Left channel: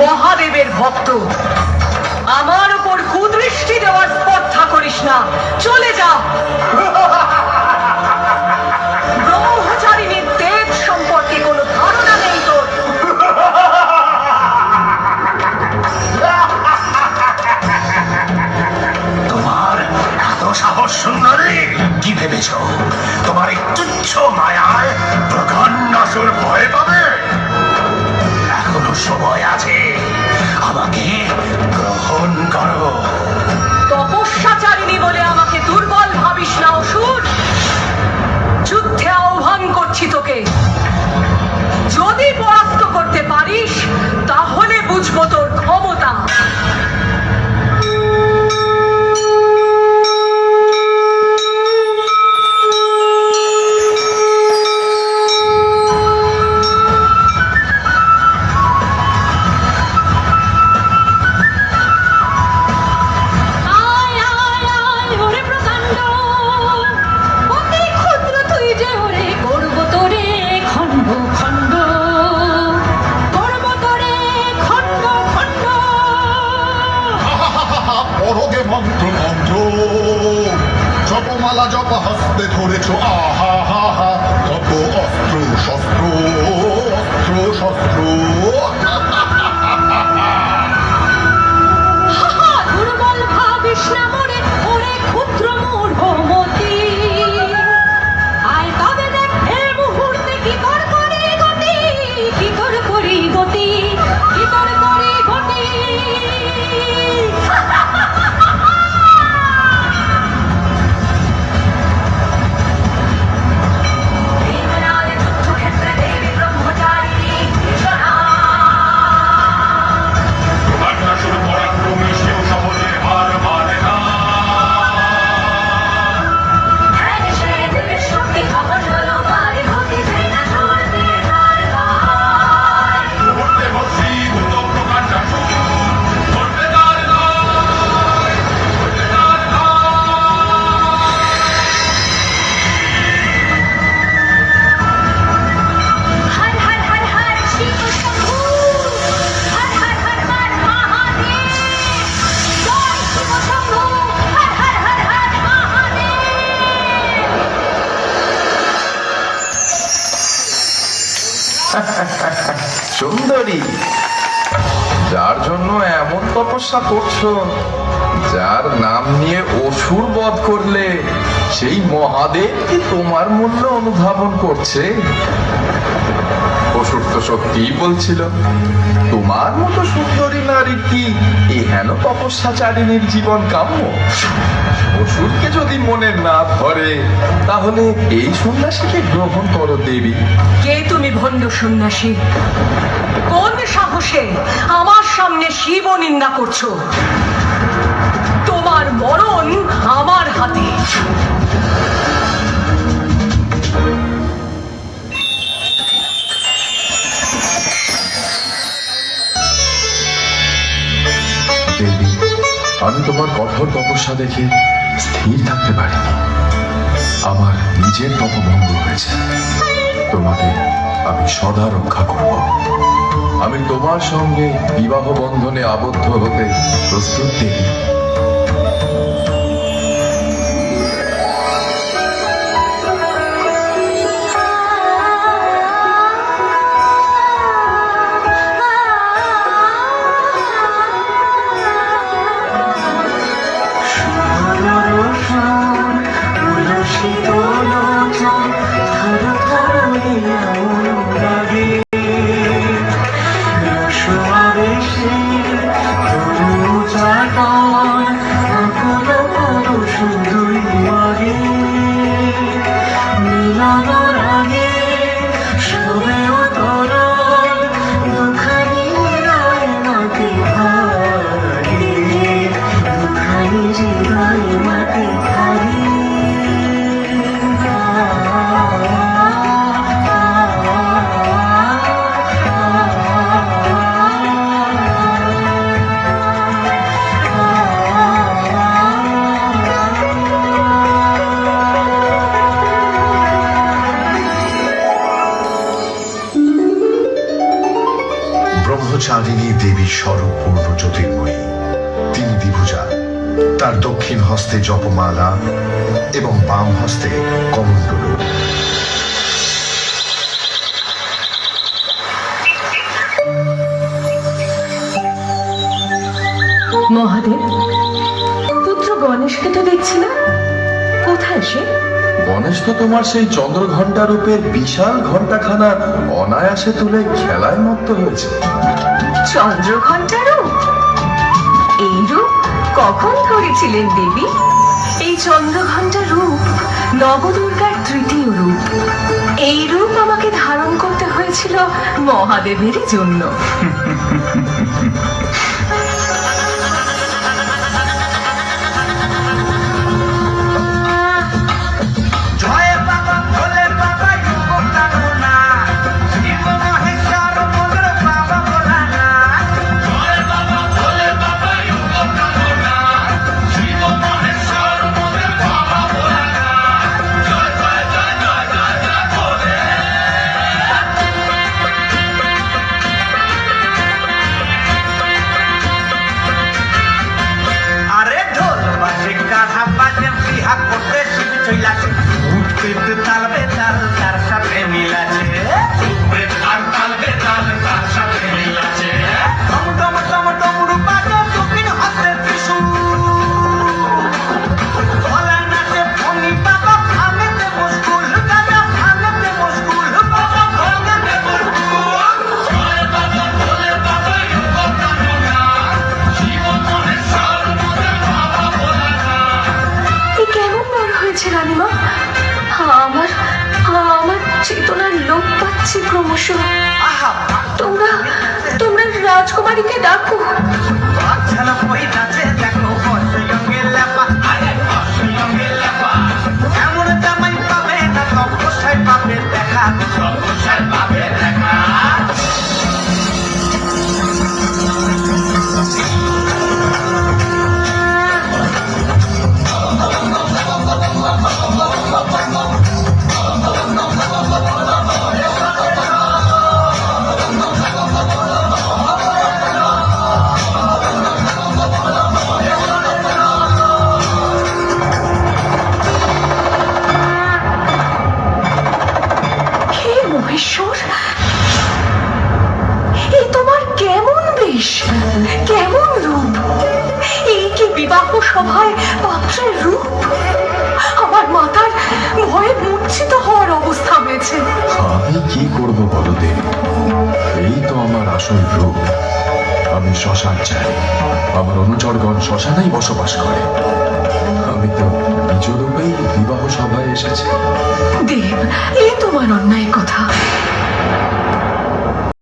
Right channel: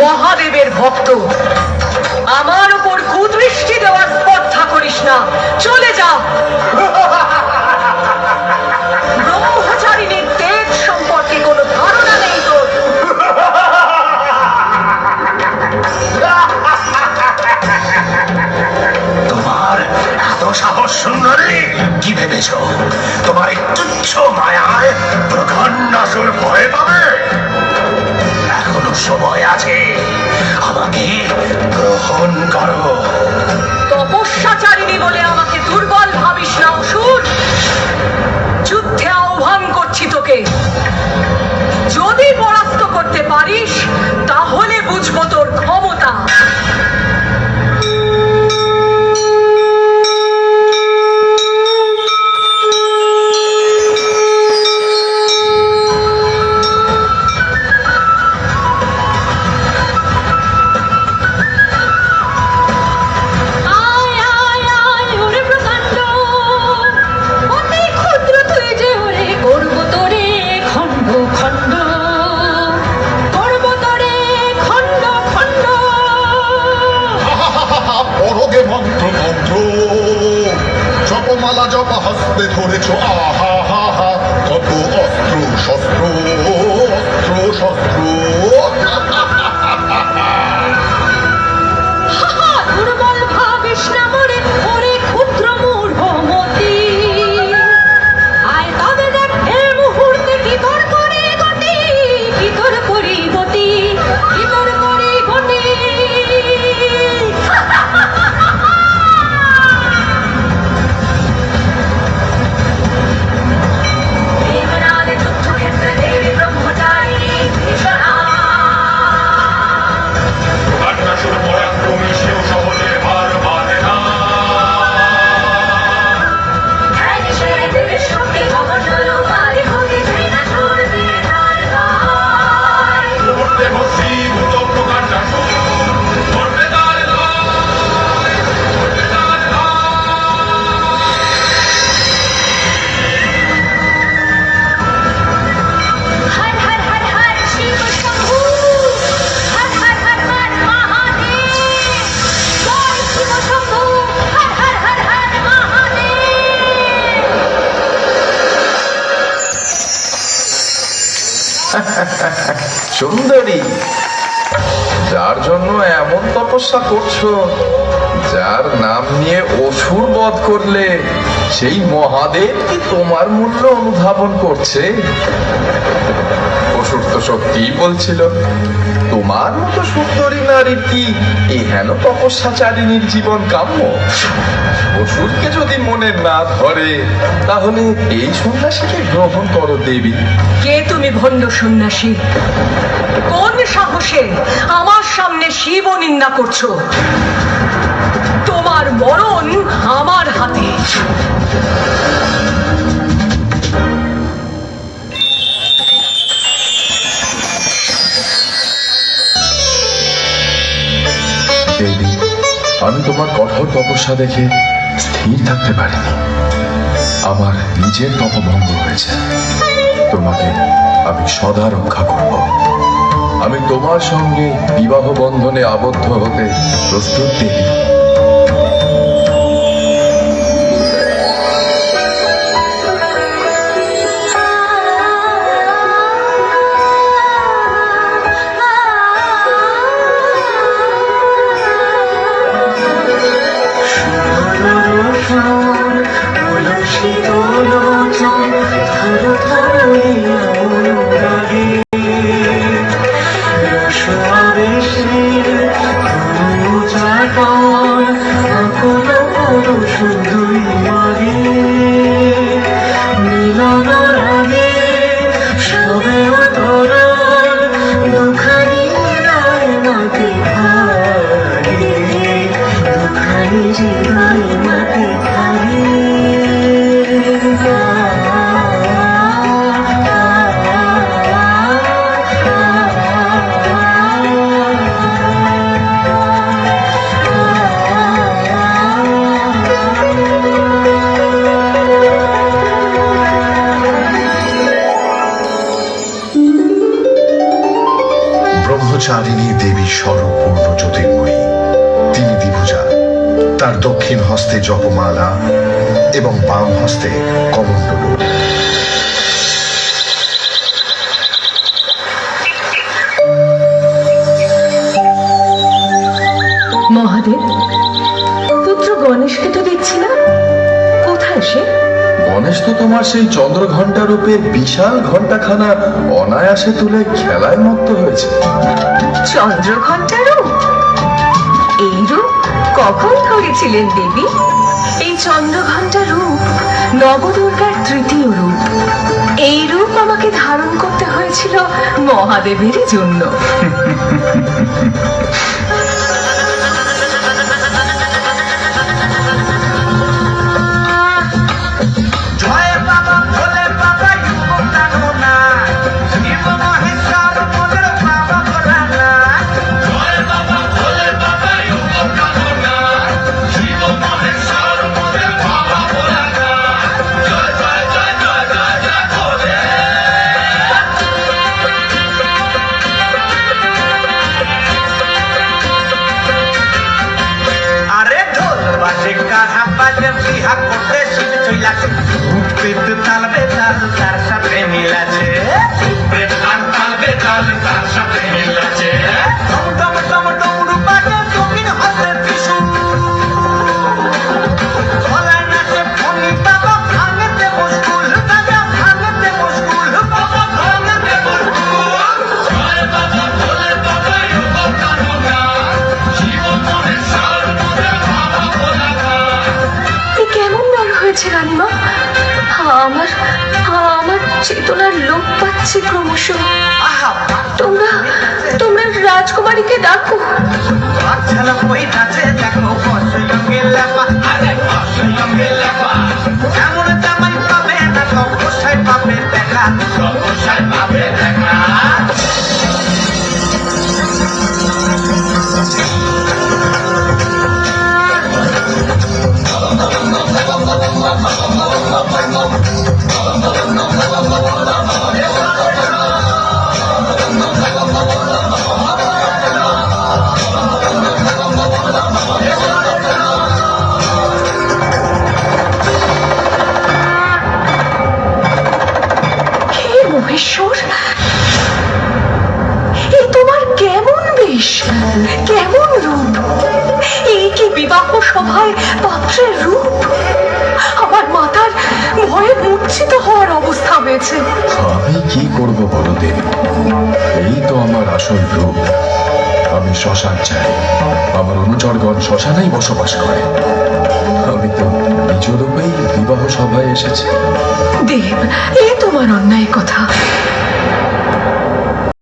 মহাদেবের ভক্ত, আমার ওপর কুদৃষ্টি দেওয়ার স্পর্ধা করিস না, চলে যা। ব্রহ্মচারিণীর দেব সম্পর্কে কোনো ধারণা নেই তোর। তোমার এত সাহস সুন্দরী, কি ভেবেছ তোমার এই তুচ্ছ মায়ায় প্রকান্ডাসুর ভয় পাবে? এখনো সময় আছে, আমাকে গ্রহণ করো। তপস্যাচারিণী বলে আমাকে দুর্বল ভাবিস না অসুর। যুদ্ধে আহ্বান করছি তোকে, যদি পরাস্ত করতে পারিস তাহলে বুঝবো তোর ক্ষমতা। জপমালা জপ হস্তে ধরেছ, আহা হা হা, কত অস্ত্র শস্ত্র, অস্ত্র শস্ত্র। দুর্বল ভাবিস না মরে, ওরে ক্ষুদ্র মূঢ়মতি। আয় তবে দেখ এই মুহূর্তে কি তোর করে গতি, কি তোর করি গতি, কি তোর করি গতি। সুন্দরী, যার জন্য এমন তপস্যা করছো, যার নাম নিয়ে অসুর বধ করলে, সেই মহাদেব কি তোমার মূল্য অনুধাবন করছে? অসুর তো সত্যিই বলছিল, তোমার মতো সুন্দরী নারীর কি এহেন তপস্যাচারিণীর জীবন কাম্য? অসুরকে যদি মনে না ধরে, তাহলে এই সন্ন্যাসীকে গ্রহণ করো দেবী। কে তুমি ভণ্ড সন্ন্যাসী? কোন সাহসে আমার সামনে শিব নিন্দা করছো? তোমার মরণ আমার হাতে। দেবী, আমি তোমার কঠোর তপস্যা দেখে স্থির থাকতে পারিনি। আমার নিজের তপভঙ্গ হয়েছে। তোমাকে আমি সদা রক্ষা করব। আমি তোমার সঙ্গে বিবাহ বন্ধনে আবদ্ধ হতে প্রস্তুত দেবী। ব্রহ্মচারিণী দেবী স্বরূপপূর্ণ জ্যোতির্ময়ী। তিনি দ্বিভুজা, তার দক্ষিণ হস্তে জপমালা এবং বাম হস্তে কমণ্ডলু। মহাদেব, পুত্র গণেশকে তো দেখছি না, কোথায় সে? গণেশ তো তোমার সেই চন্দ্রঘণ্টা রূপের বিশাল ঘণ্টাখানা অনায়াসে তুলে খেলায় মত্ত হয়েছে। চন্দ্রঘণ্টা রূপ? এই রূপ কখন ধরেছিলেন দেবী? এই চন্দ্রঘণ্টা রূপ নবদুর্গার তৃতীয় রূপ। এই রূপ আমাকে ধারণ করতে হয়েছিল মহাদেবেরই জন্য। কেমন বার হয়েছে রানীমা? আমার আমার চেতনার লোপ পাচ্ছি ক্রমশ। তোমরা তোমরা রাজকুমারীকে ডাকো। মহেশ্বর, এ তোমার কেমন বেশ, কেমন রূপ! এই কি বিবাহ সভায় পাত্রের রূপ! আমার মাথার ভয়ে মূর্ছিত হওয়ার অবস্থা হয়েছে। আমি কি করব বলো দেবী? এই তো আমার আসল রূপ। আমি শ্মশান চাই, আমার অনুচরগণ শ্মশানেই বসবাস করে। আমি তো নিজ রূপেই বিবাহ সভায় এসেছি। দেব, এ তোমার অন্যায় কথা।